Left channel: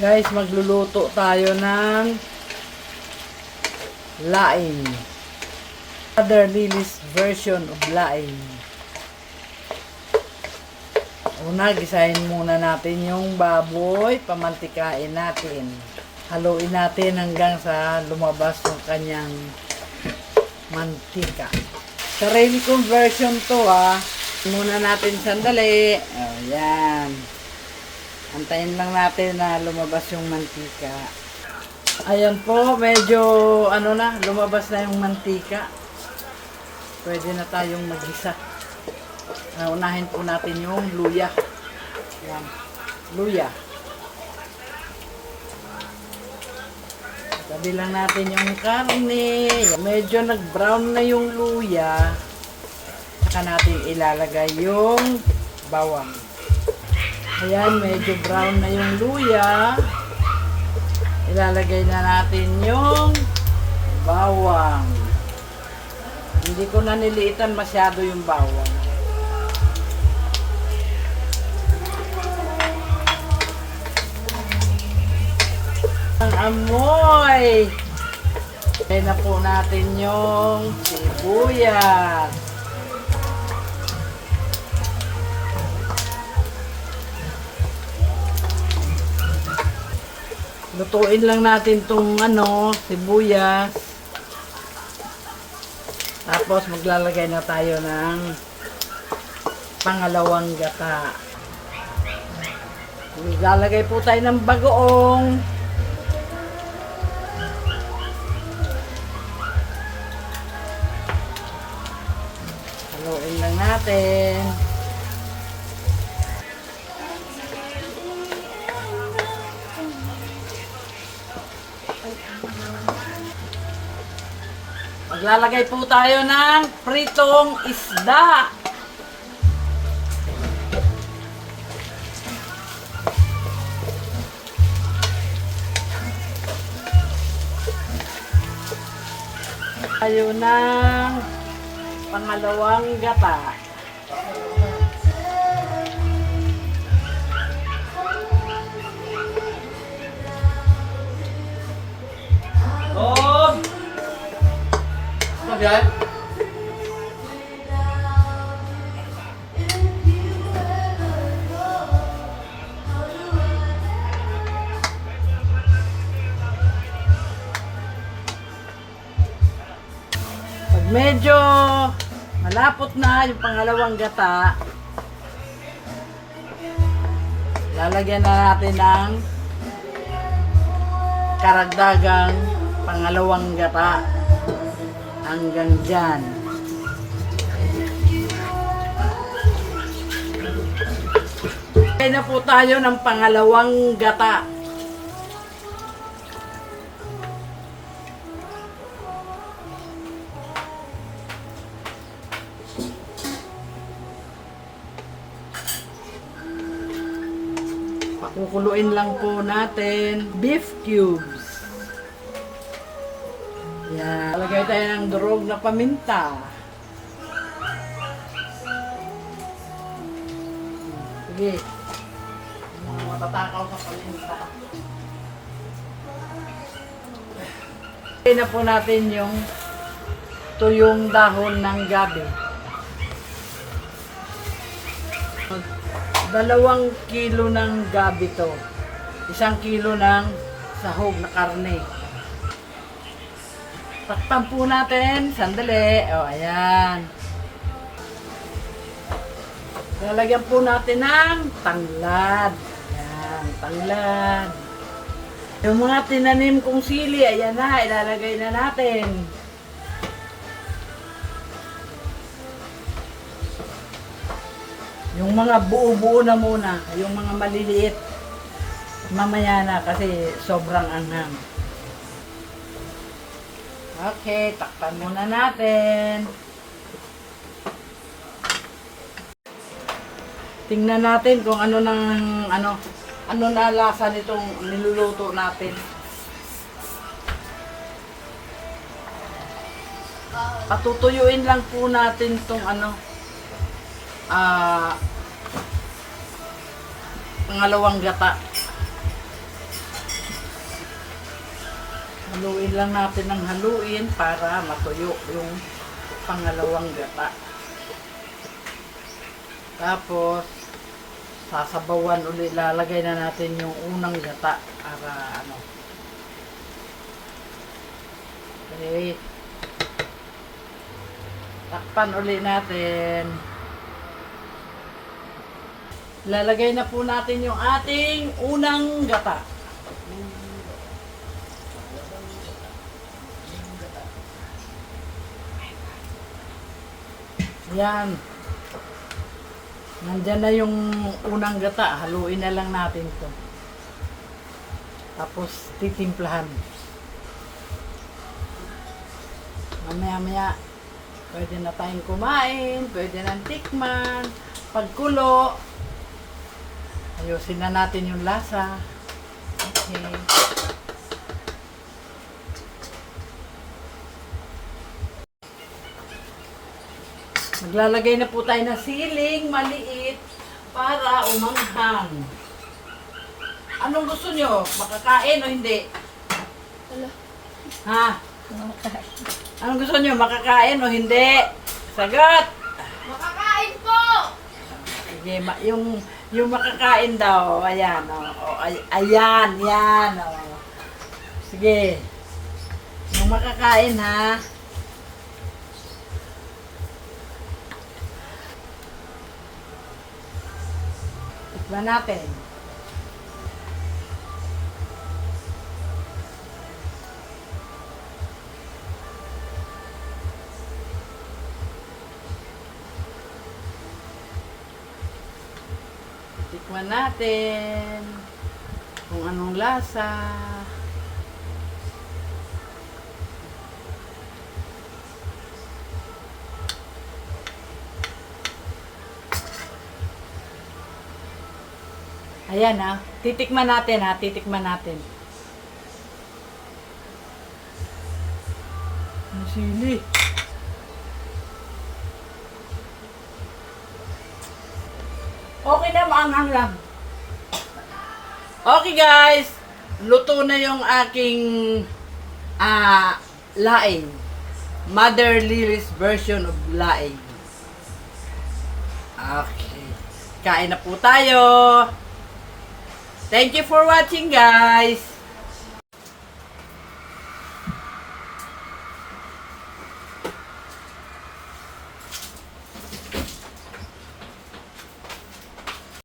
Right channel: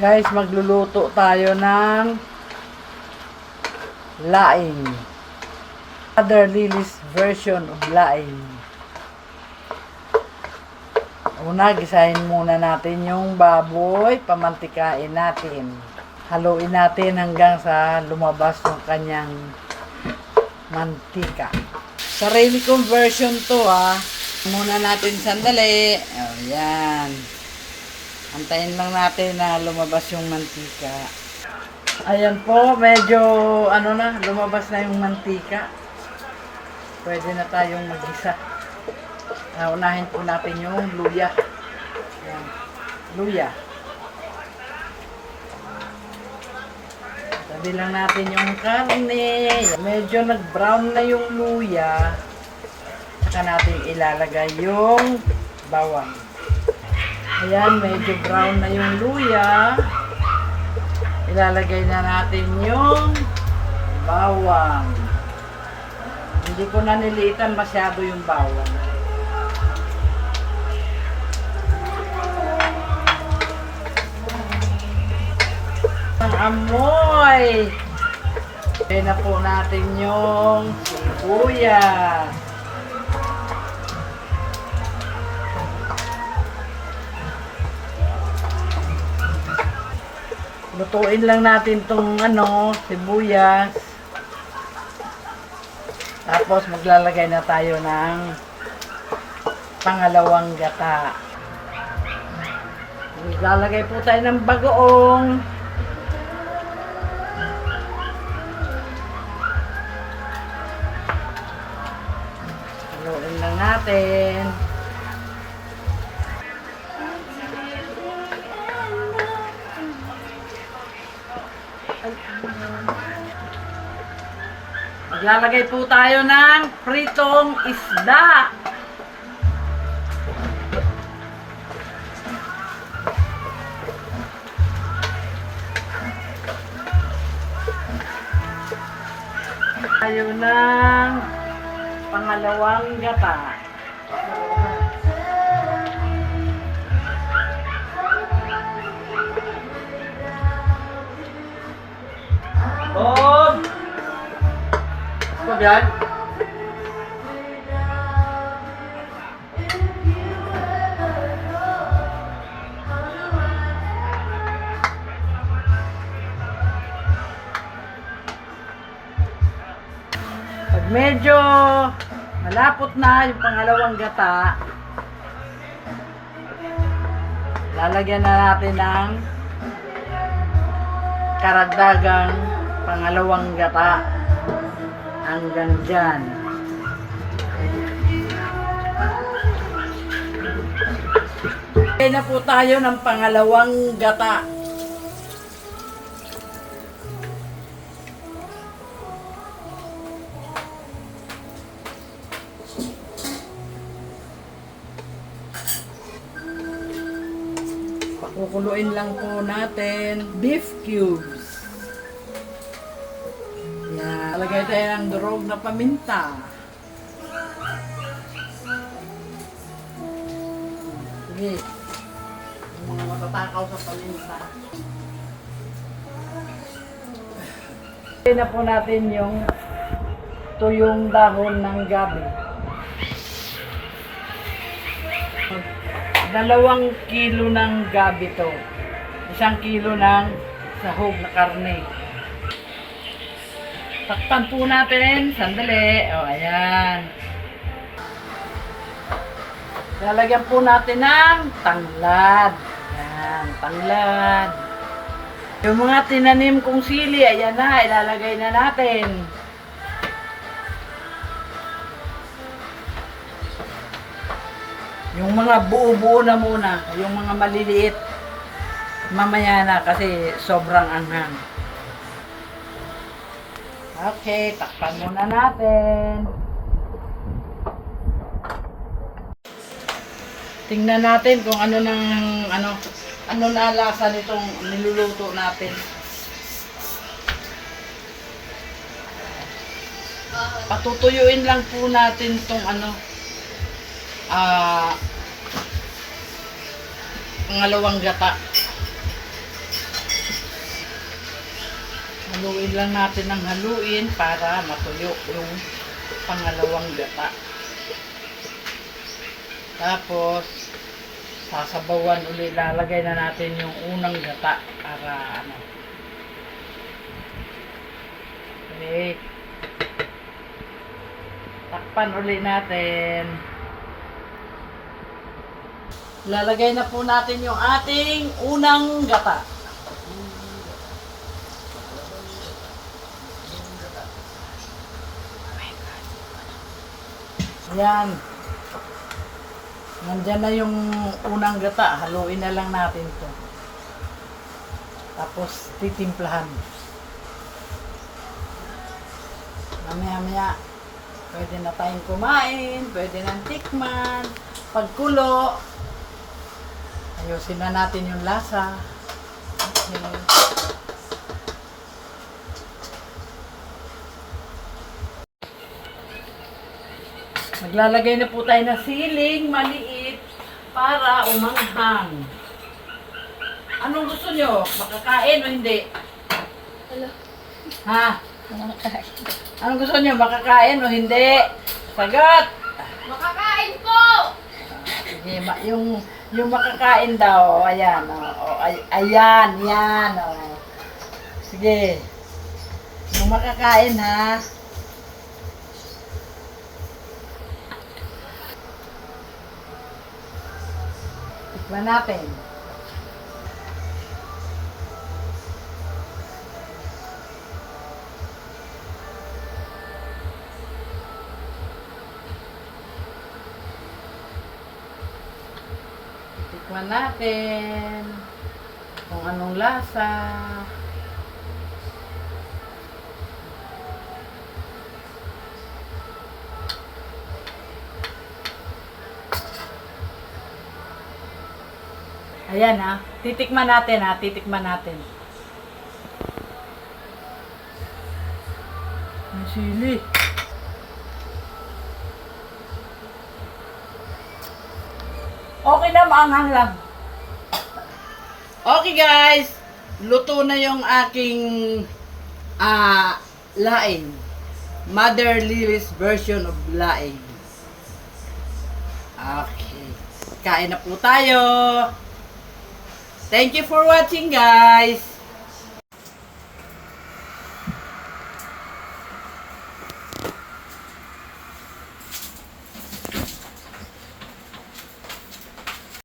Guys, magluluto tayo ng laing. Mother Lily's version of laing. Una, gisahin muna natin yung baboy. Pamantikain natin. Haluin natin hanggang sa lumabas yung kanyang mantika. Sarili kong version to ha. Muna natin sandali. Oh, yan. Antayin lang natin na lumabas yung mantika. Ayan po, medyo lumabas na yung mantika. Pwede na tayong mag-isa. Unahin po natin yung luya. Ayan. Luya. Tabi lang natin yung karne. Medyo nag-brown na yung luya. Saka natin ilalagay yung bawang. Ayan, medyo brown na yung luya. Ilalagay na natin yung bawang. Hindi ko na niliitan masyado yung bawang. Ang amoy! Ilagay na po natin yung sibuyas. Lutuin lang natin tong sibuyas. Tapos maglalagay na tayo ng pangalawang gata. Maglalagay po tayo ng bagoong. Haluin lang natin. Maglalagay po tayo ng pritong isda. Tayo ng pangalawang gata. Yan. Pag medyo malapot na yung pangalawang gata, lalagyan na natin ng karagdagang pangalawang gata. Hanggang dyan. Kaya na po tayo ng pangalawang gata. Pakukuluin lang po natin beef cubes. Yan. Lagay tayo ng durog na paminta. Sige. Mga matatakaw sa paminta. Lagay na po natin yung tuyong dahon ng gabi. 2 kilo ng gabi to. 1 kilo ng sahog na karne. Takpan po natin. Sandali. O, ayan. Lalagyan po natin ng tanglad. Ayan, tanglad. Yung mga tinanim kong sili, ayan na. Ilalagay na natin. Yung mga buo-buo na muna. Yung mga maliliit. Mamaya na kasi sobrang anghang. Okay, takpan muna natin. Tingnan natin kung ano na lasa nitong niluluto natin. Patutuyuin lang po natin itong pangalawang gata. Haluin lang natin ng haluin para matuyo yung pangalawang gata. Tapos, sasabawan ulit. Lalagay na natin yung unang gata para ano. Okay. Takpan ulit natin. Lalagay na po natin yung ating unang gata. Yan. Nandyan na yung unang gata. Haluin na lang natin to. Tapos titimplahan. Mamaya-maya, pwede na tayong kumain, pwede nang tikman, pagkulo. Ayusin na natin yung lasa. Okay. Maglalagay na po tayo ng siling maliit para umanghang. Anong gusto nyo? Makakain o hindi? Ha? Anong gusto nyo? Makakain o hindi? Sagot! Makakain po! Sige, yung makakain daw, ayan, ayan, yan, Sige. Yung makakain, ha? Tikman natin. Tikman natin kung anong lasa. Ayan ha, titikman natin ha, titikman natin. Ang sili. Okay na, maanghang lang. Okay guys, luto na yung aking laing. Mother Lily's version of laing. Okay. Kain na po tayo. Thank you for watching guys.